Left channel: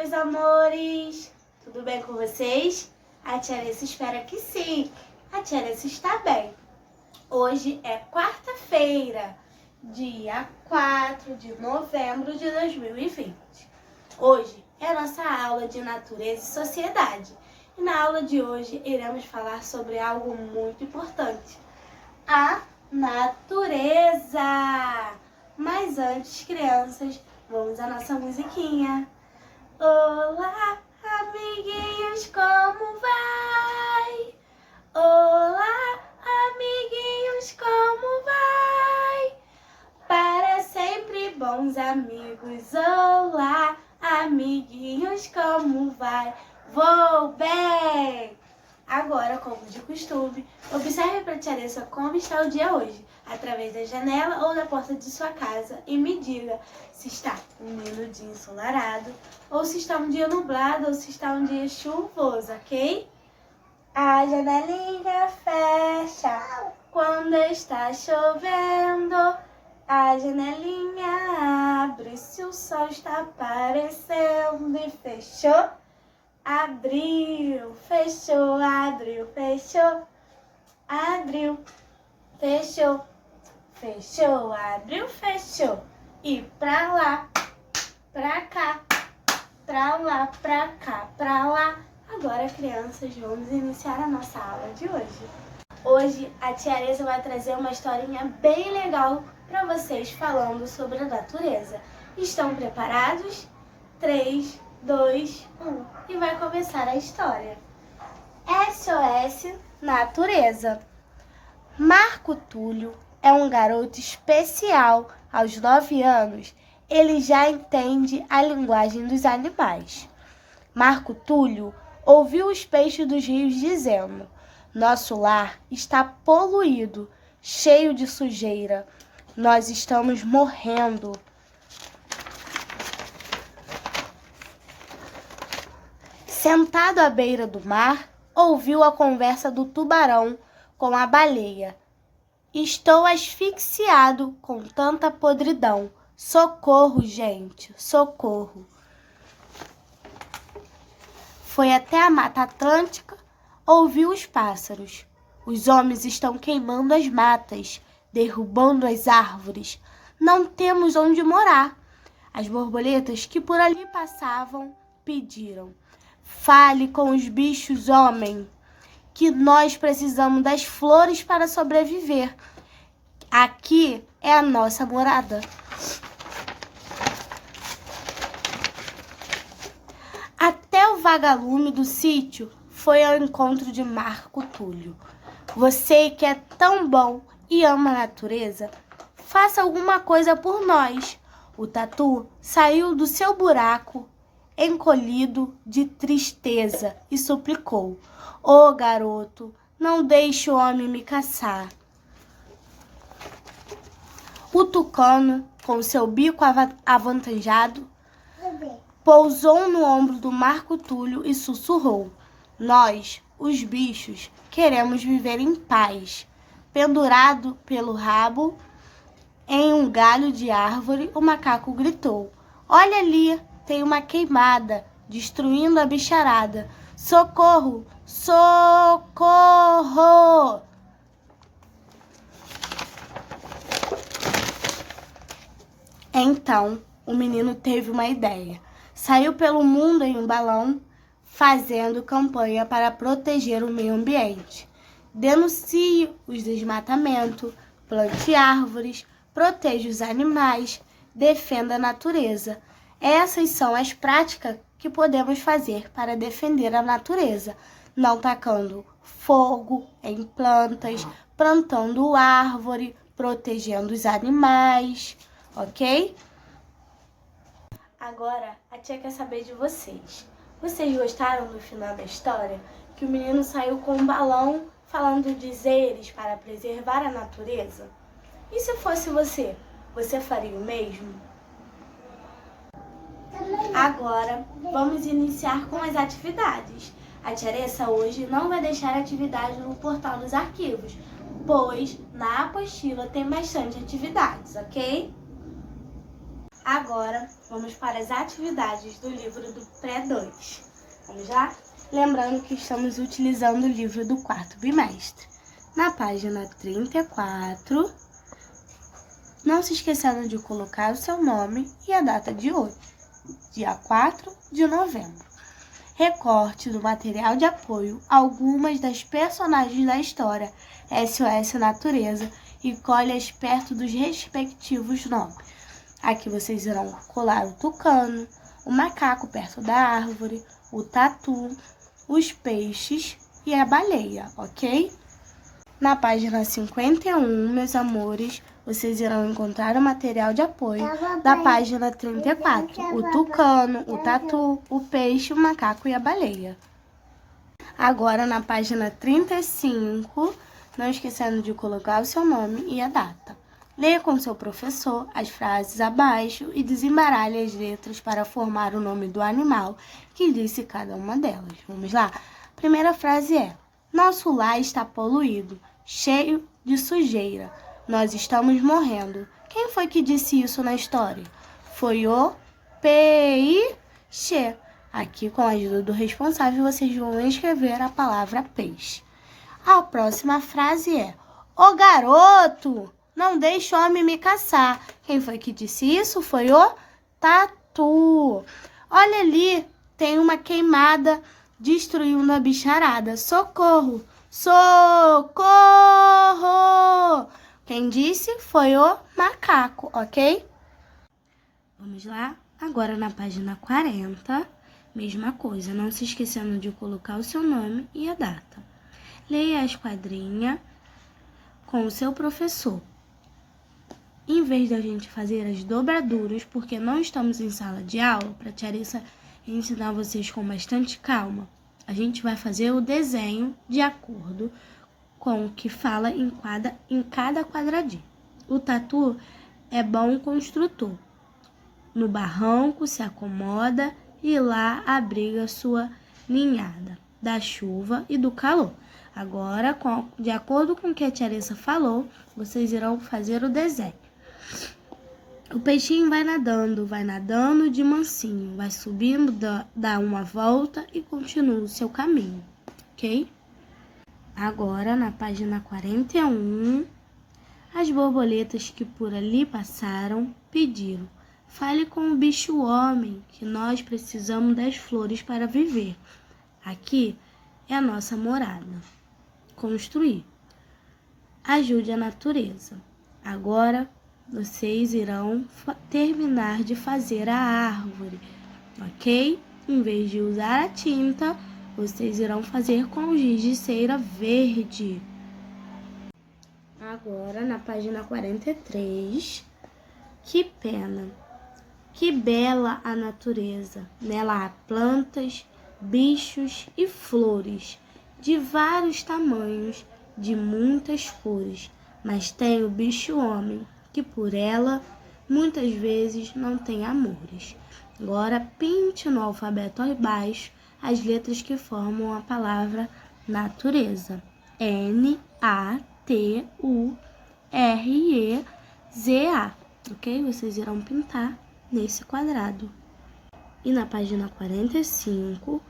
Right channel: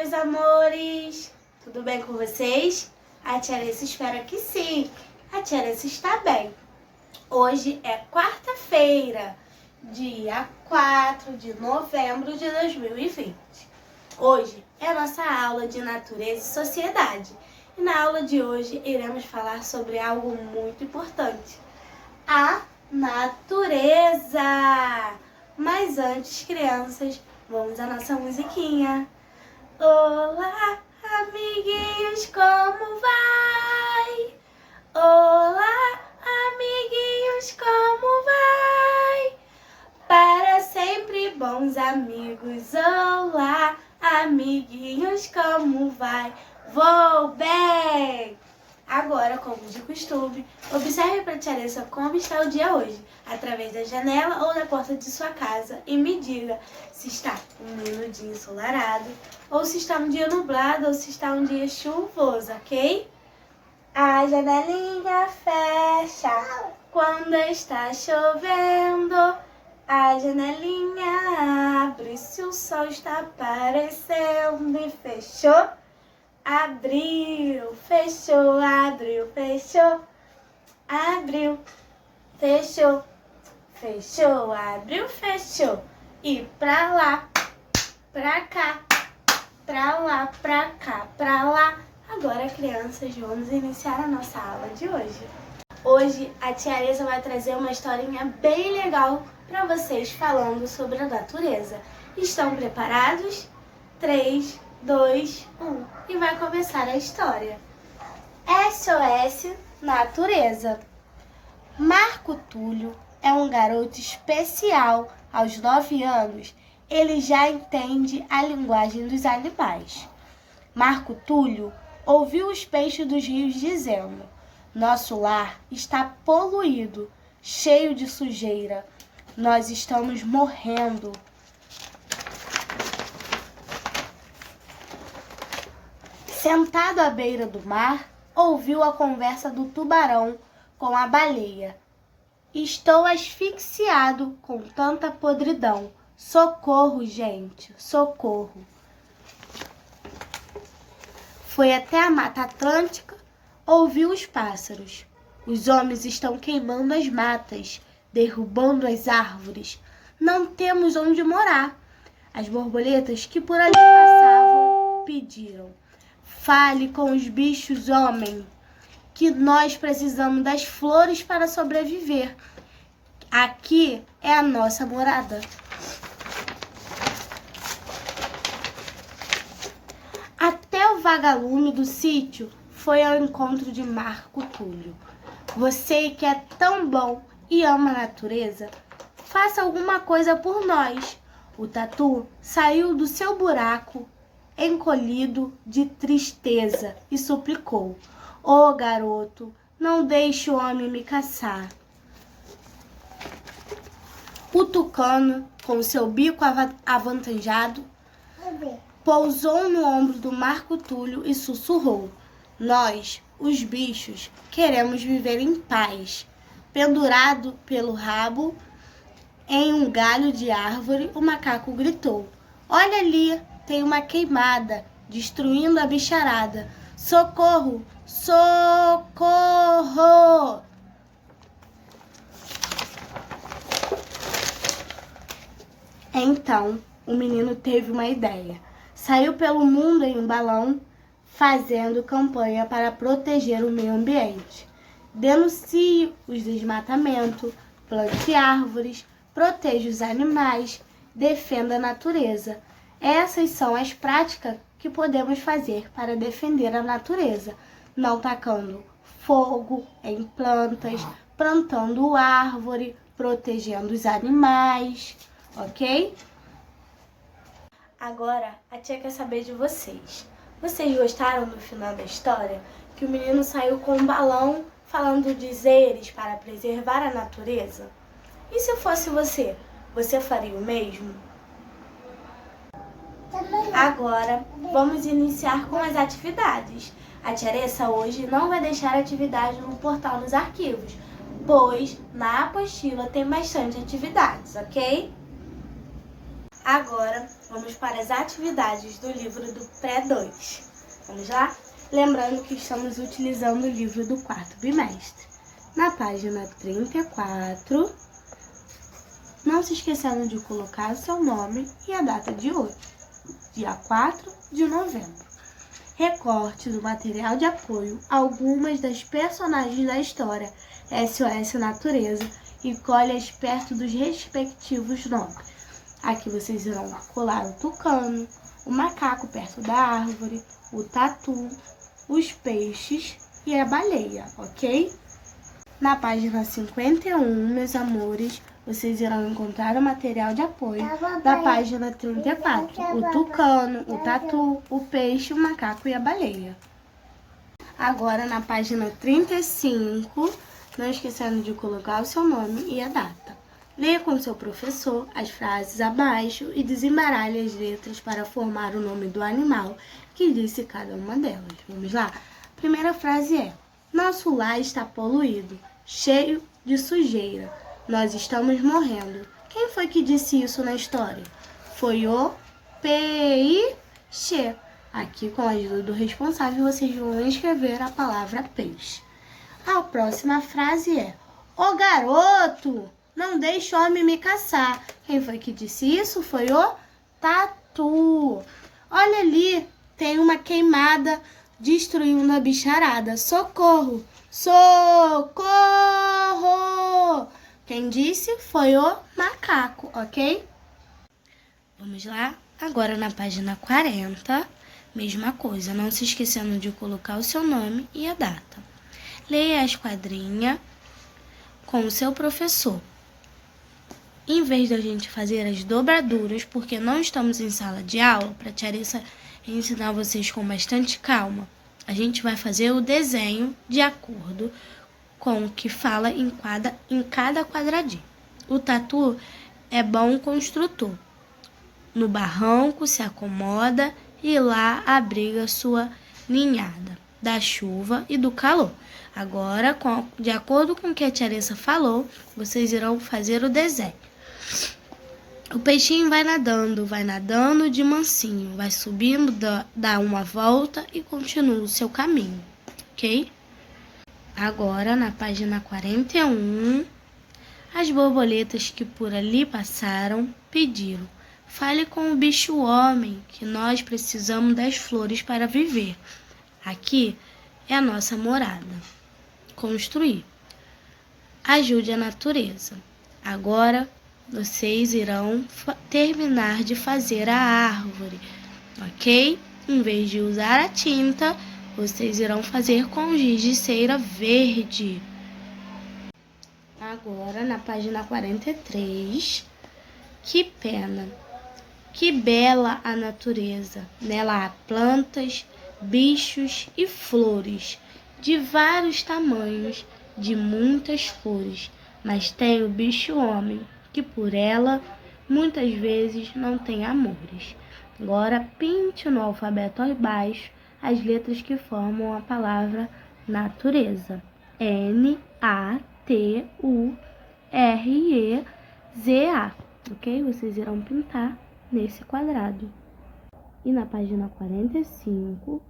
meus amores! Tudo bem com vocês? A tia Alessa espera que sim. A tia Alessa está bem. Hoje é quarta-feira, dia 4 de novembro de 2020. Hoje é a nossa aula de natureza e sociedade. E na aula de hoje iremos falar sobre algo muito importante: a natureza. Mas antes, crianças, vamos à nossa musiquinha. Olá, amiguinhos, como vai? Olá, amiguinhos, como vai? Para sempre, bons amigos. Olá, amiguinhos, como vai? Vou bem! Agora, como de costume, observe para a tia Alessa como está o dia hoje, através da janela ou da porta de sua casa, e me diga se está um lindo dia ensolarado, ou se está um dia nublado, ou se está um dia chuvoso, ok? A janelinha fecha quando está chovendo, a janelinha abre se o sol está aparecendo, e fechou. Abriu, fechou, abriu, fechou, abriu, fechou, fechou, abriu, fechou. E pra lá, pra cá, pra lá, pra cá, pra lá. Agora, crianças, vamos iniciar a nossa aula de hoje. Hoje, a tia Alessa vai trazer uma historinha bem legal para vocês falando sobre a natureza. Estão preparados? 3, 2, 1 e vai começar a história. SOS Natureza. Marco Túlio é um garoto especial. Aos 9 anos, ele já entende a linguagem dos animais. Marco Túlio ouviu os peixes dos rios dizendo: nosso lar está poluído, cheio de sujeira. Nós estamos morrendo. Sentado à beira do mar, ouviu a conversa do tubarão com a baleia. Estou asfixiado com tanta podridão. Socorro, gente, socorro. Foi até a Mata Atlântica, ouviu os pássaros. Os homens estão queimando as matas, derrubando as árvores. Não temos onde morar. As borboletas que por ali passavam pediram: fale com os bichos, homem, que nós precisamos das flores para sobreviver. Aqui é a nossa morada. Até o vagalume do sítio foi ao encontro de Marco Túlio. Você que é tão bom e ama a natureza, faça alguma coisa por nós. O tatu saiu do seu buraco encolhido de tristeza e suplicou: ô garoto, não deixe o homem me caçar. O tucano, com seu bico avantajado, pousou no ombro do Marco Túlio e sussurrou: nós, os bichos, queremos viver em paz. Pendurado pelo rabo em um galho de árvore, o macaco gritou: olha ali, tem uma queimada, destruindo a bicharada. Socorro! Socorro! Então, o menino teve uma ideia. Saiu pelo mundo em um balão, fazendo campanha para proteger o meio ambiente. Denuncie os desmatamentos, plante árvores, proteja os animais, defenda a natureza. Essas são as práticas que podemos fazer para defender a natureza, não tacando fogo em plantas, plantando árvore, protegendo os animais, ok? Agora, a tia quer saber de vocês. Vocês gostaram do final da história? Que o menino saiu com um balão falando dizeres para preservar a natureza? E se fosse você, você faria o mesmo? Agora, vamos iniciar com as atividades. A tia Alessa hoje não vai deixar atividade no portal dos arquivos, pois na apostila tem bastante atividades, ok? Agora, vamos para as atividades do livro do Pré-2. Vamos lá? Lembrando que estamos utilizando o livro do quarto bimestre. Na página 34, não se esquecendo de colocar o seu nome e a data de hoje, dia 4 de novembro. Recorte do material de apoio algumas das personagens da história SOS Natureza e colhe-as perto dos respectivos nomes. Aqui vocês irão colar o tucano, o macaco perto da árvore, o tatu, os peixes e a baleia, ok? Na página 51, meus amores, vocês irão encontrar o material de apoio da página 34, o tucano, o tatu, o peixe, o macaco e a baleia. Agora, na página 35, não esquecendo de colocar o seu nome e a data. Leia com seu professor as frases abaixo e desembaralhe as letras para formar o nome do animal que disse cada uma delas. Vamos lá? A primeira frase é: nosso lar está poluído, cheio de sujeira. Nós estamos morrendo. Quem foi que disse isso na história? Foi o peixe. Aqui, com a ajuda do responsável, vocês vão escrever a palavra peixe. A próxima frase é: ô garoto, não deixe o homem me caçar. Quem foi que disse isso? Foi o tatu. Olha ali, tem uma queimada destruindo a bicharada. Socorro! Socorro! Quem disse foi o macaco, ok? Vamos lá? Agora na página 40, mesma coisa, não se esquecendo de colocar o seu nome e a data. Leia a esquadrinha com o seu professor. Em vez da gente fazer as dobraduras, porque não estamos em sala de aula, para a tia Arissa ensinar vocês com bastante calma, a gente vai fazer o desenho de acordo com o que fala em cada quadradinho. O tatu é bom construtor. No barranco se acomoda e lá abriga sua ninhada da chuva e do calor. Agora, de acordo com o que a tia Arissa falou, vocês irão fazer o desenho. O peixinho vai nadando de mansinho, vai subindo, dá uma volta e continua o seu caminho, ok? Agora, na página 41, as borboletas que por ali passaram pediram: fale com o bicho-homem, que nós precisamos das flores para viver. Aqui é a nossa morada. Construir. Ajude a natureza. Agora, vocês irão terminar de fazer a árvore, ok? Em vez de usar a tinta, vocês irão fazer com giz de cera verde. Agora, na página 43, que pena, que bela a natureza. Nela há plantas, bichos e flores, de vários tamanhos, de muitas cores, mas tem o bicho-homem, que por ela muitas vezes não tem amores. Agora pinte no alfabeto abaixo as letras que formam a palavra natureza. N-A-T-U-R-E-Z-A. Ok? Vocês irão pintar nesse quadrado. E na página 45,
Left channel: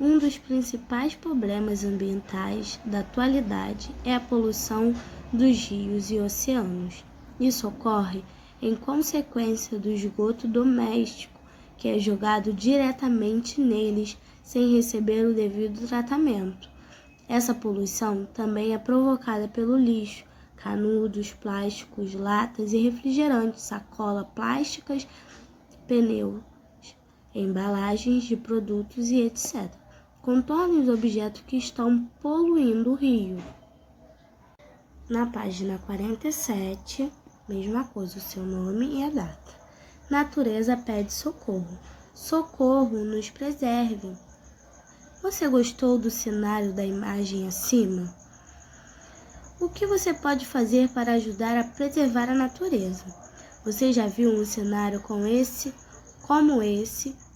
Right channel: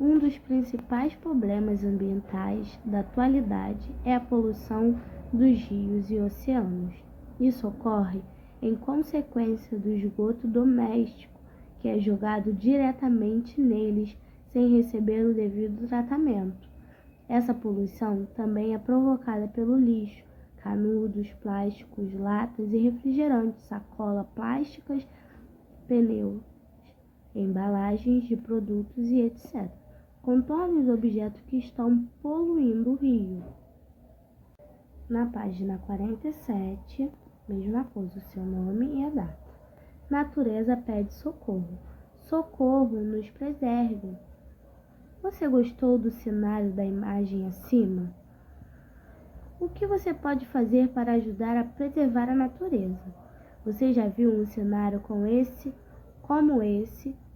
um dos principais problemas ambientais da atualidade é a poluição dos rios e oceanos. Isso ocorre em consequência do esgoto doméstico, que é jogado diretamente neles sem receber o devido tratamento. Essa poluição também é provocada pelo lixo, canudos, plásticos, latas e refrigerantes, sacolas plásticas, pneus, embalagens de produtos e etc. Contorne os objetos que estão poluindo o rio. Na página 47, mesma coisa, o seu nome e a data. Natureza pede socorro. Socorro, nos preserve. Você gostou do cenário da imagem acima? O que você pode fazer para ajudar a preservar a natureza? Você já viu um cenário como esse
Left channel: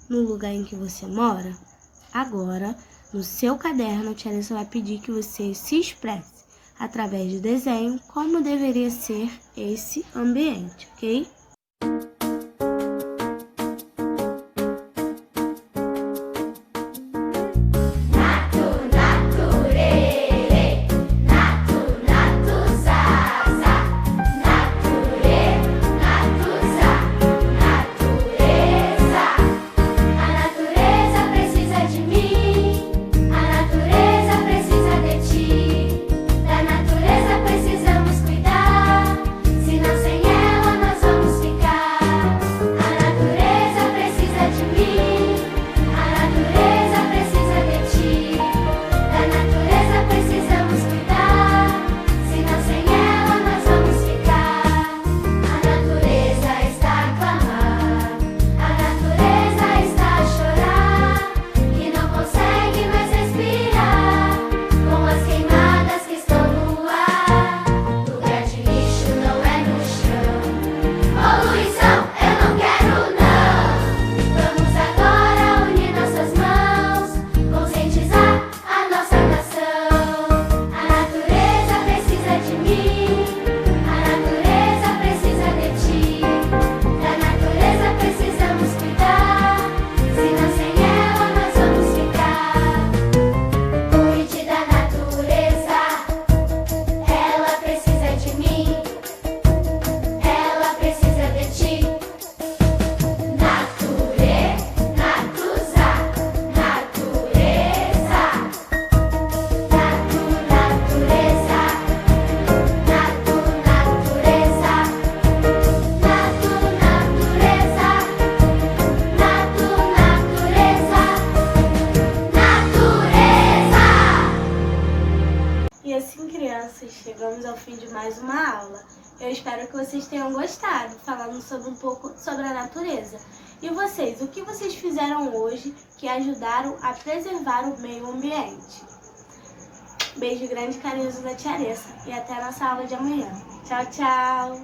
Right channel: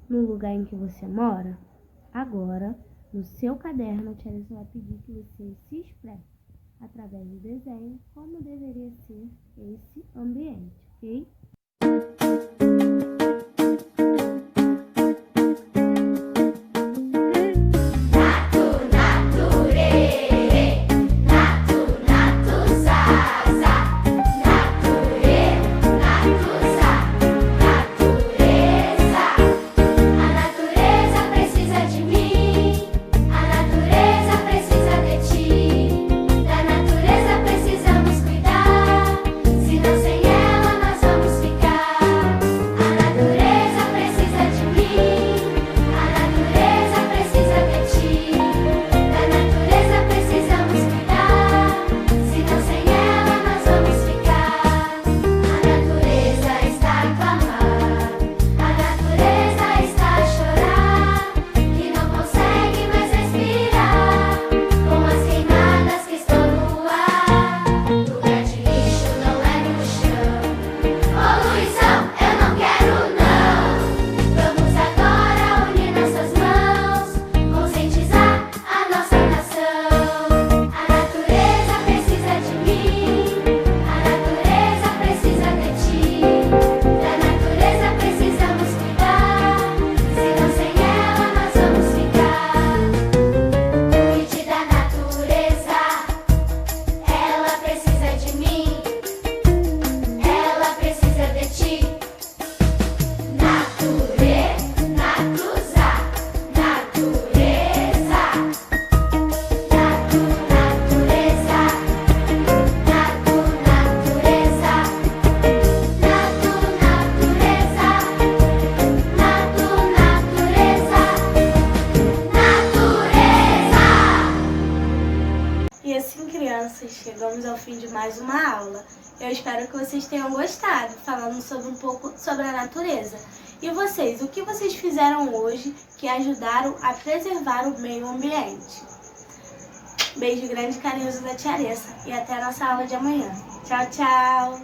no lugar em que você mora? Agora, no seu caderno, a tia Arissa vai pedir que você se expresse através do desenho como deveria ser esse ambiente, ok? chegamos ao fim de mais uma aula. Eu espero que vocês tenham gostado, falando sobre um pouco sobre a natureza. E vocês, o que vocês fizeram hoje que ajudaram a preservar o meio ambiente? Beijo grande e carinhoso da Tia Aressa e até a nossa aula de amanhã. Tchau, tchau!